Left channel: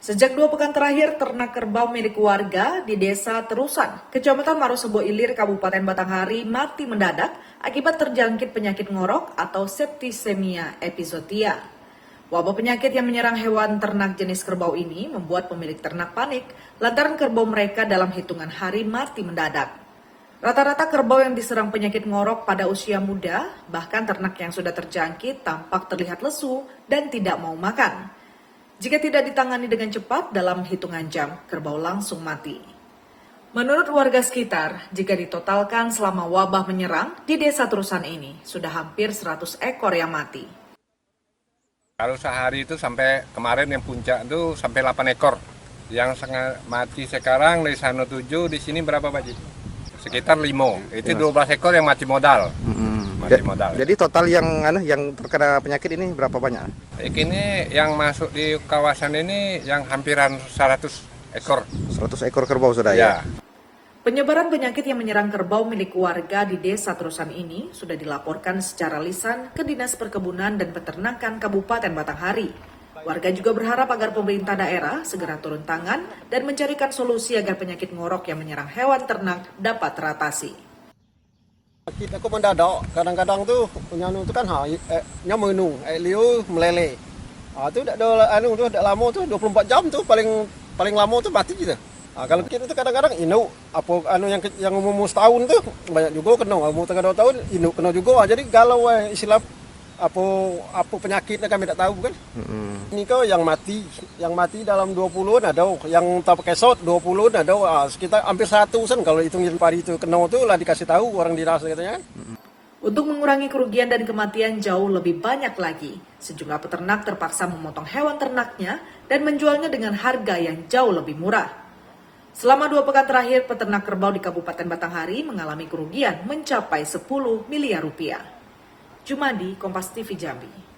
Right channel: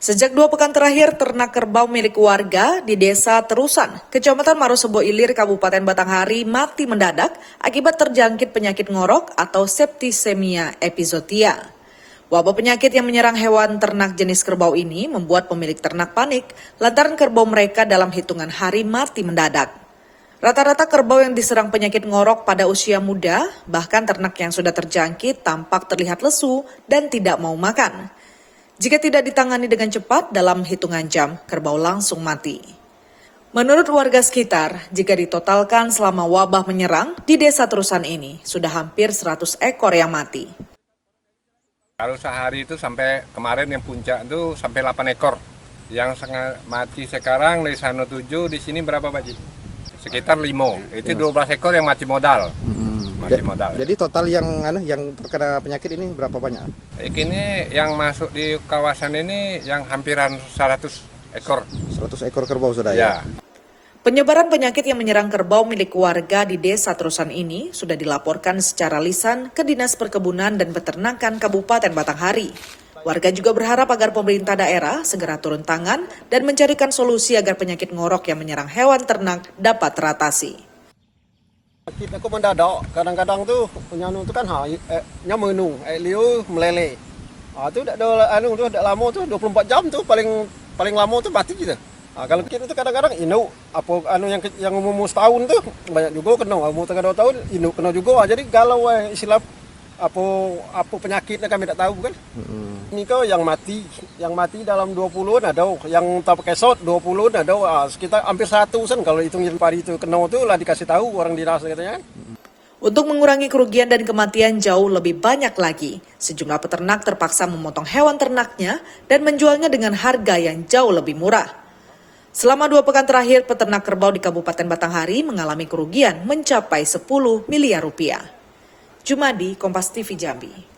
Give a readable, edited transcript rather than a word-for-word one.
Sejak 2 pekan terakhir, ternak kerbau milik warga di Desa Terusan, Kecamatan Marosebo Ilir, Kabupaten Batanghari mati mendadak akibat terjangkit penyakit ngorok atau septisemia epizootia. Wabah penyakit yang menyerang hewan ternak jenis kerbau ini membuat pemilik ternak panik lantaran kerbau mereka dalam hitungan hari mati mendadak. Rata-rata kerbau yang diserang penyakit ngorok pada usia muda, bahkan ternak yang sudah terjangkit tampak terlihat lesu dan tidak mau makan. Jika tidak ditangani dengan cepat, dalam hitungan jam, kerbau langsung mati. Menurut warga sekitar, jika ditotalkan selama wabah menyerang, di Desa Terusan ini sudah hampir 100 ekor yang mati. Kalau sehari itu sampai kemarin yang puncak itu sampai 8 ekor. Yang mati sekarang dari sana 7, di sini berapa Pak Ji? Sekitar 5. Itu 12 ekor yang mati modal. Mati modal. Jadi total yang terkena penyakit ini berapa banyak? Ini yang masuk di kawasan ini yang hampiran 100 ekor. 100 ekor kerbau sudah Ya. Penyebaran penyakit yang menyerang kerbau milik warga di Desa Terusan ini sudah dilaporkan secara lisan ke Dinas Perkebunan dan Peternakan Kabupaten Batanghari. Warga juga berharap agar pemerintah daerah segera turun tangan dan mencarikan solusi agar penyakit ngorok yang menyerang hewan ternak dapat teratasi. Kita kok mendadak, kadang-kadang tuh nyanu tuh kan menung, liu meleleh. Itu udah tuh udah lama tuh 24 jam tuh paling lama tuh mati gitu. Kalau kita tuh kadang-kadang yang umur setahun tuh banyak juga kena, umur 2 tahun kena juga. Jadi galau istilah apa penyakitnya kami tidak tahu kan. Ini kok yang mati dalam 20-an ada, yang tak pakai shot 20-an ada, sekitar hampir 100-an kalau hitung pari itu kena tuh lah dikasih tahu orang dinas katanya kan. Untuk mengurangi kerugian dan kematian jauh lebih banyak lagi, sejumlah peternak terpaksa memotong hewan ternaknya dan menjualnya dengan harga yang jauh lebih murah. Selama 2 pekan terakhir, peternak kerbau di Kabupaten Batanghari mengalami kerugian mencapai 10 miliar rupiah. Jumadi, Kompas TV Jambi.